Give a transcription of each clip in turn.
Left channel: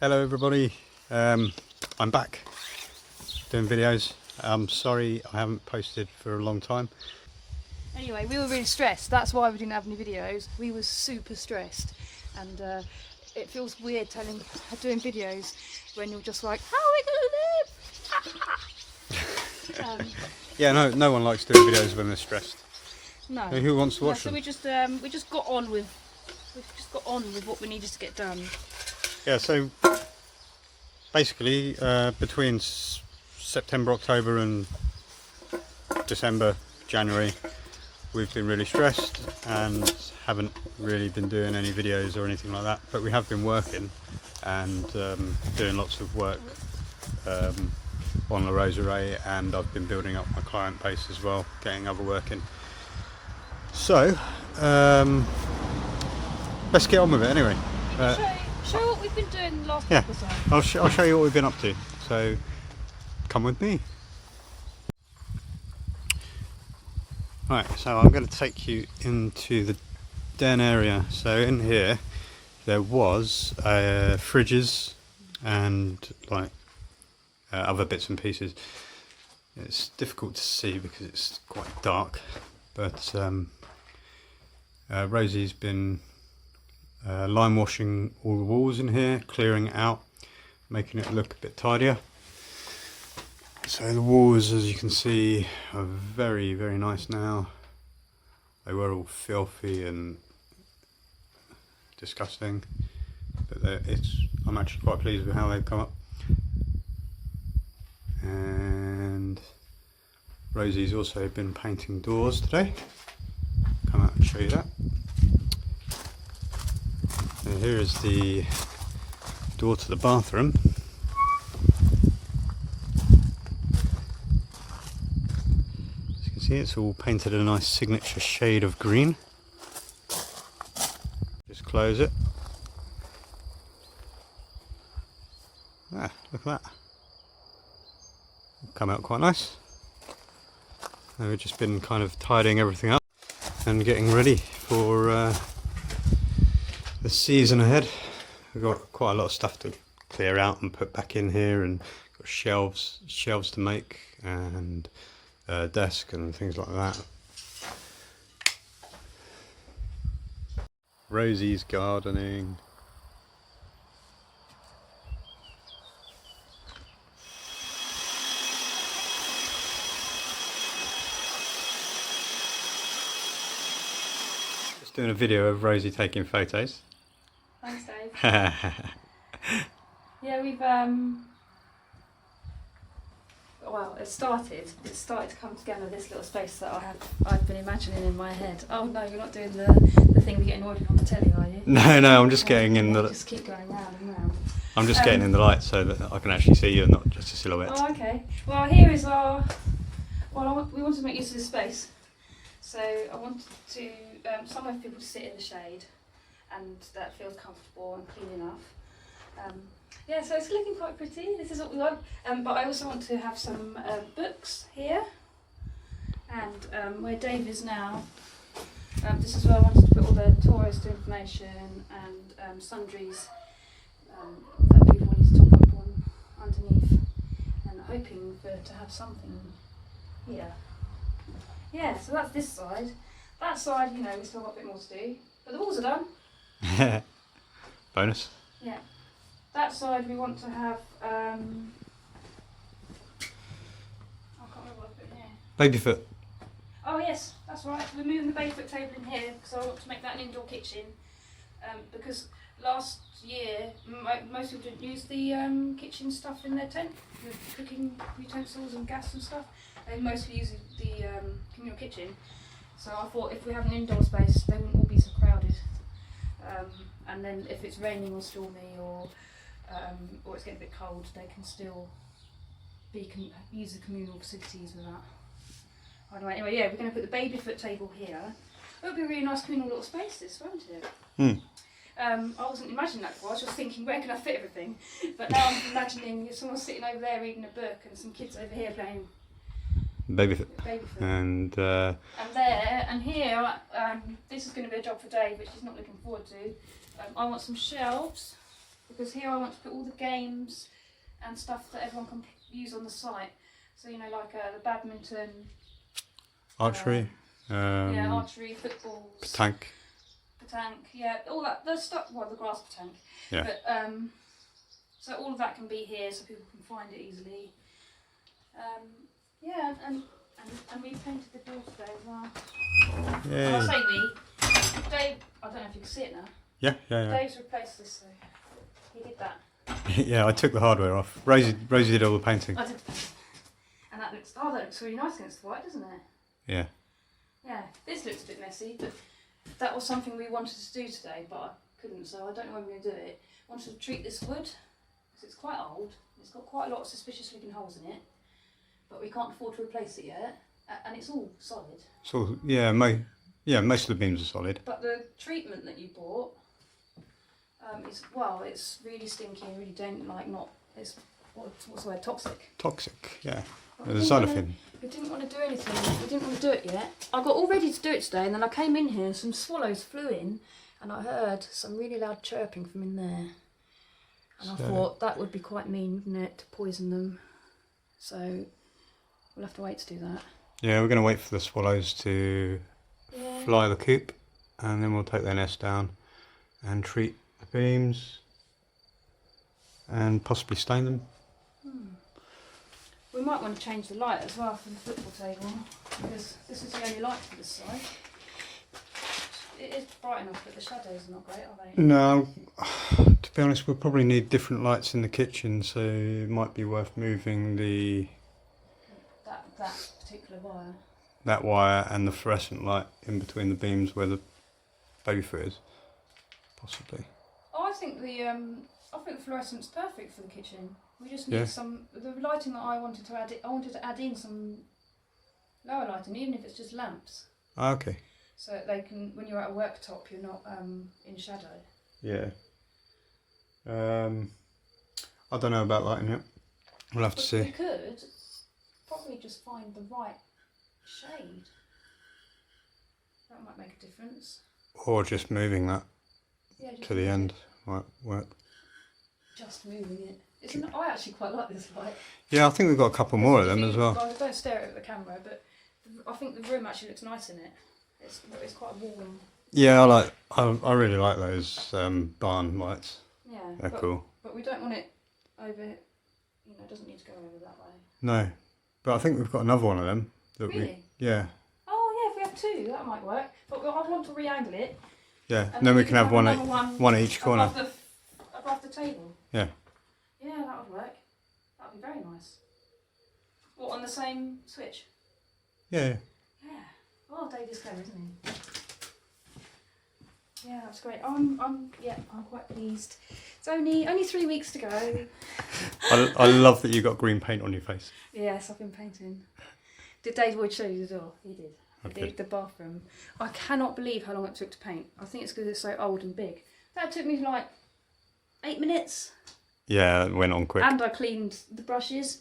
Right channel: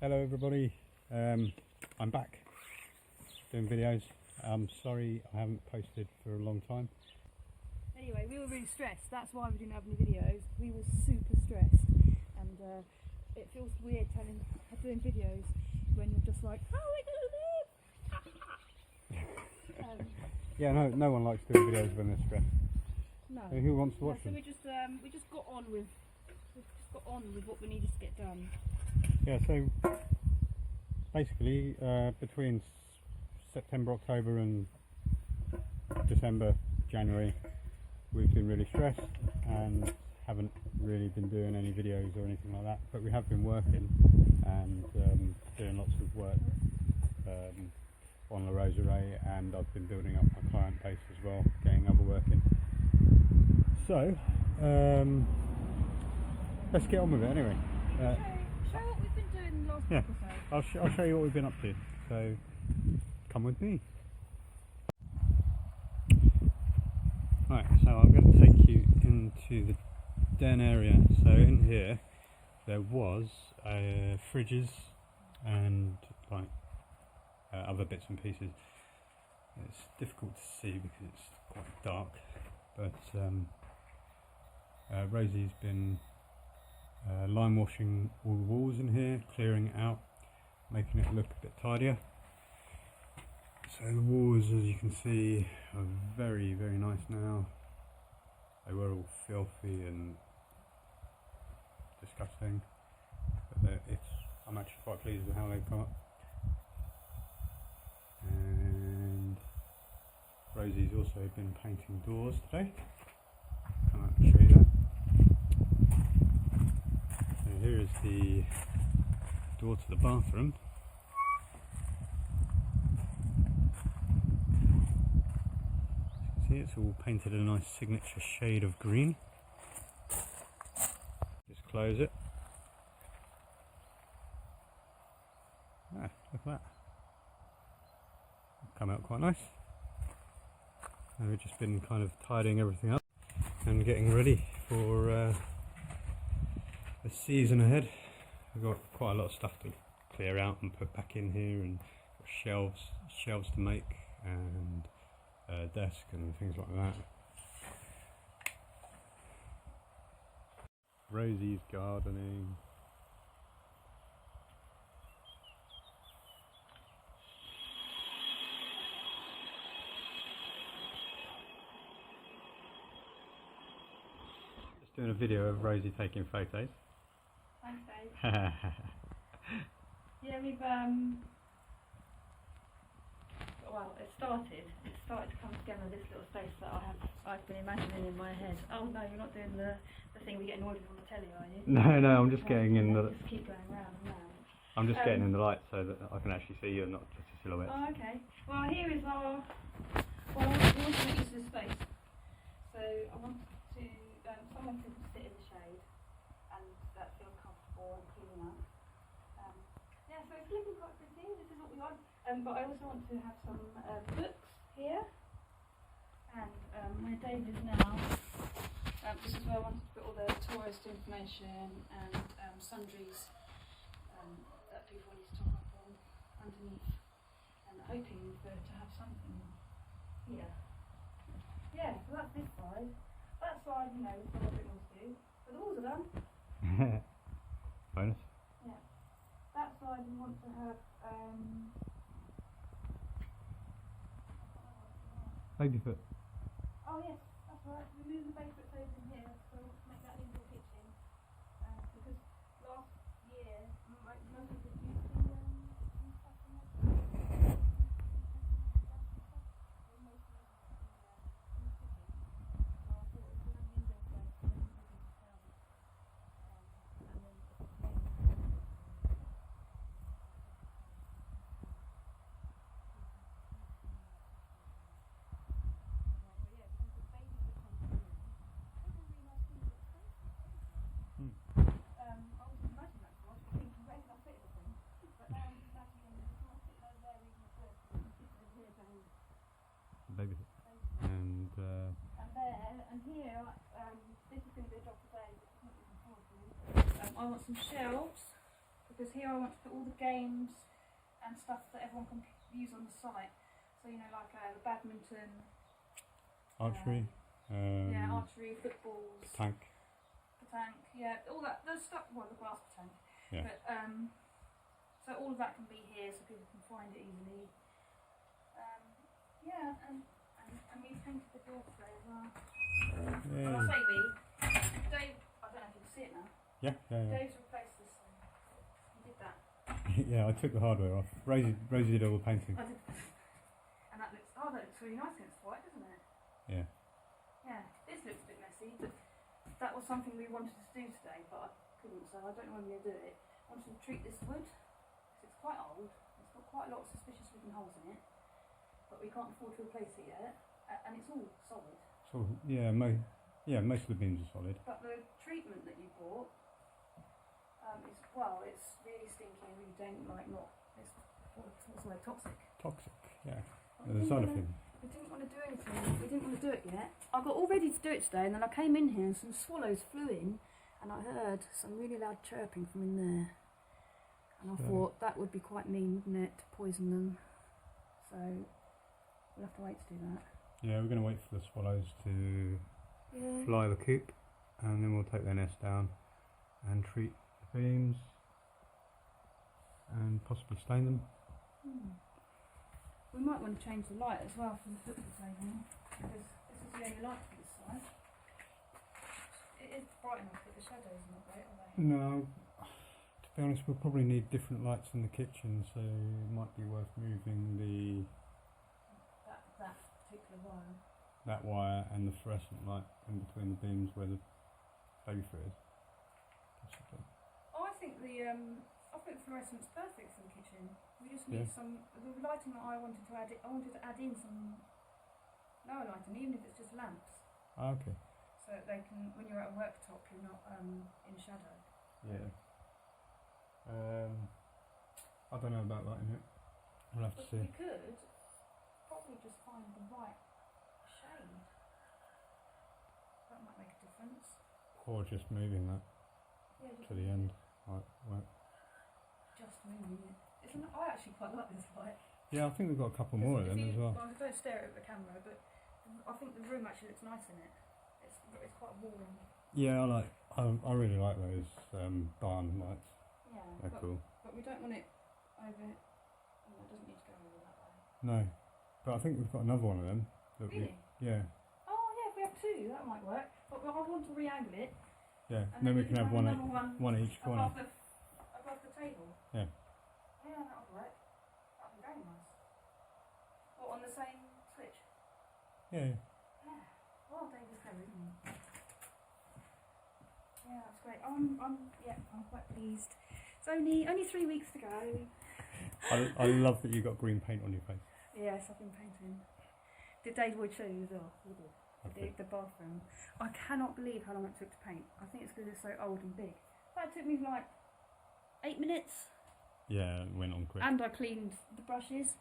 Hello everybody, I'm back doing videos. I'm sorry I haven't posted for a long time. Anyway, we were really stressed, that's why we didn't have any videos. We were super stressed and it feels weird doing videos when you're just like, how are we gonna live? Yeah, no one likes doing videos when they're stressed. No. Who wants to watch so them? we just got on with what we needed to get done. Yeah, so basically between September, October and December, January, we've been really stressed and haven't really been doing any videos or anything like that, but we have been working and doing lots of work on the Roseraie, and I've been building up my client base as well, getting other work in. So let's get on with it anyway. Show what we've been doing the last Yeah, episode. I'll show you what we've been up to, so come with me. Right, so I'm going to take you into the den area. So in here there was fridges and like other bits and pieces. It's difficult to see because it's quite dark, but Rosie's been lime washing all the walls in here, clearing it out, making it look a bit tidier. So the walls, as you can see, are very nice now. They were all filthy and disgusting, but I'm actually quite pleased with how they've come up. And Rosie's also been painting doors today. Come out and show you that. And here is the door to the bathroom. As you can see, it's all painted a nice signature shade of green. Just close it. Ah, look at that. Come out quite nice. And we've just been kind of tidying everything up and getting ready for the season ahead. We've got quite a lot of stuff to clear out and put back in here, and got shelves to make, and a desk and things like that. Rosie's gardening. Just doing a video of Rosie taking photos. Thanks, Dave. Yeah, we've well, it started to come together, this little space that I've been imagining in my head. Oh no, you're not doing the thing we get annoyed with on the telly, are you? No, I'm just getting in the. Just keep going round and round. I'm just getting in the light so that I can actually see you and not just a silhouette. Oh, okay. Well, here is our. Well, we want to make use of this space, so I wanted to somewhere for people to sit in the shade, and that feels comfortable and clean enough. Yeah, so it's looking quite pretty. This is what we want. But I also want to have some books here, and where Dave is now. This is where I wanted to put all the tourist information and sundries that people need to top up on underneath, and hoping to have something here. Yeah, so that's this side. That side, you know, we've still got a bit more to do, but the walls are done. Bonus. Yeah. That side we want to have, I can't remember what I put in here. Babyfoot. Oh yes, that's right. We're moving the babyfoot table in here because I want to make that an indoor kitchen. Because last year most people didn't use the kitchen stuff in their tent, the cooking utensils and gas and stuff. They mostly use the communal kitchen. So I thought if we have an indoor space, they wouldn't all be so crowded. And then if it's raining or stormy or it's getting a bit cold, they can still use the communal facilities with that. Anyway, yeah, we're going to put the babyfoot table here. It'll be a really nice communal little space, this, won't it? I wasn't imagining that before. I was just thinking, where can I fit everything? But now I'm imagining if someone's sitting over there reading a book and some kids over here playing Babyfoot. And there and here, this is going to be a job for Dave, which he's not looking forward to. I want some shelves because here I want to put all the games and stuff that everyone can use on the site. So you know, like the badminton, Archery. yeah, archery, footballs, Petanque. yeah, all that. The stuff. Well, the grass petanque. Yeah. But so all of that can be here, so people can find it easily. Yeah, and we painted the door today as well. Yeah. And I say we. Dave, I don't know if you can see it now. Yeah. Dave's replaced this, so he did that. Yeah, I took the hardware off. Rosie did all the painting. I did. And that looks really nice against the white, doesn't it? Yeah. Yeah, this looks a bit messy, but that was something we wanted to do today, but I couldn't, so I don't know when we're going to do it. I wanted to treat this wood, because it's quite old. It's got quite a lot of suspicious looking holes in it, but we can't afford to replace it yet, and it's all solid. So yeah, most of the beams are solid. But the treatment that you bought, it's really stinky and really it's what's the word, toxic. Toxic, yeah. But There's a xylophane. we didn't want to do anything. We didn't want to do it yet. I got all ready to do it today, and then I came in here and some swallows flew in, and I heard some really loud chirping from in there. And I thought that would be quite mean, wouldn't it, to poison them? So we'll have to wait to do that. Yeah, we're going to wait for the swallows to fly the coop, and then we'll take their nest down and treat the beams and possibly stain them. We might want to change the light as well for the football table, because this is the only light for this side. It is bright enough, but the shadows are not great, are they? No, to be honest, we'll probably need different lights in the kitchen, so it might be worth moving that particular wire. That wire and the fluorescent light in between the beams where the baby foot is, possibly. Oh, I think the fluorescent's perfect for the kitchen. We just need the lighting that I wanted to add. I wanted to add in some lower lighting, even if it's just lamps. Ah, okay. So that they can, when you're at a worktop, you're not in shadow. Yeah. I don't know about lighting yet. We'll have to see. We could probably just find the right shade. That might make a difference. Or just moving that Just to the end might work. Just moving it. I actually quite like this light. Yeah, I think we've got a couple more of them as well. Guys, don't stare at the camera, but I think the room actually looks nice in it. It's quite warm. Yeah, I really like those barn lights. Yeah, they're cool. But we don't want it over. It doesn't need to go over that way. No, but I think we've got another one of them. Really? Yeah. Oh yeah, if we have two, that might work. But I want to re-angle it. Yeah, and then we can have one at each corner. Above the table. Yeah. Yeah, that would work. That would be very nice. What, on the same switch? Yeah. Yeah. Oh, Dave is clever, isn't he? Yeah, that's great. I'm quite pleased. It's only 3 weeks to go. I love that you got green paint on your face. Yes, I've been painting. Did Dave Wood show you the door? He did. Okay. The bathroom. I cannot believe how long it took to paint. I think it's because it's so old and big. That took me like 8 minutes. Yeah, it went on quick. And I cleaned the brushes.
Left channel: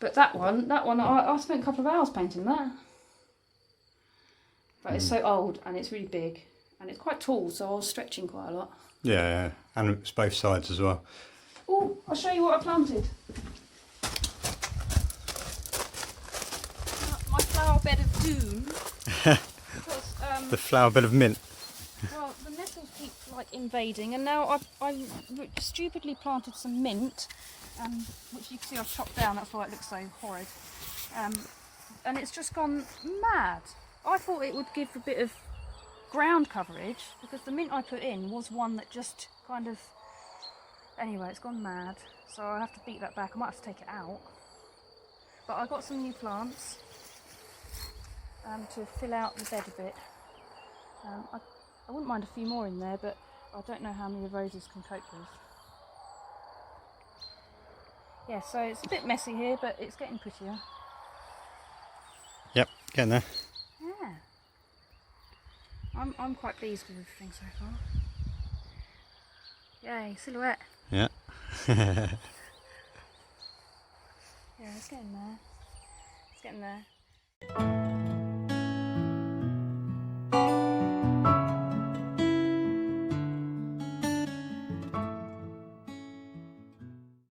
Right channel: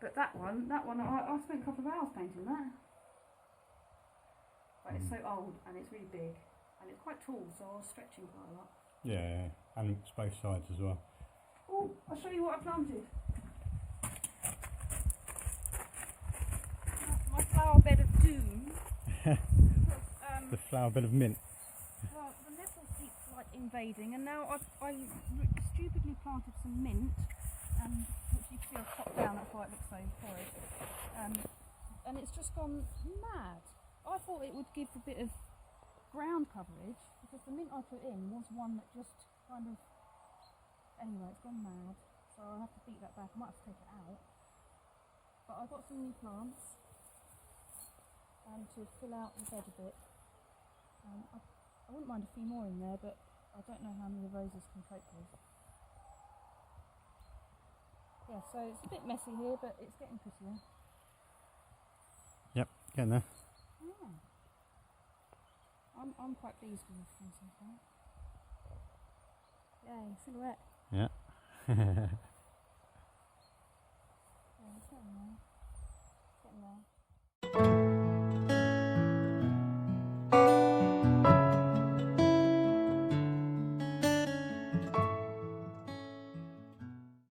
But that one, I spent a couple of hours painting that. But it's so old and it's really big. And it's quite tall, so I was stretching quite a lot. Yeah, and it's both sides as well. Oh, I'll show you what I planted. My flower bed of doom. Because, the flower bed of mint. well, the nettles keep invading, and now I stupidly planted some mint, which you can see I've chopped down. That's why it looks so horrid. And it's just gone mad. I thought it would give a bit of ground coverage, because the mint I put in was one that just kind of, anyway, it's gone mad, so I have to beat that back. I might have to take it out, but I got some new plants to fill out the bed a bit. I wouldn't mind a few more in there, but I don't know how many the roses can cope with. Yeah, so it's a bit messy here, but it's getting prettier. Yep, getting there. Yeah. I'm quite pleased with everything so far. Yay, silhouette. Yeah. Yeah, it's getting there. It's getting there.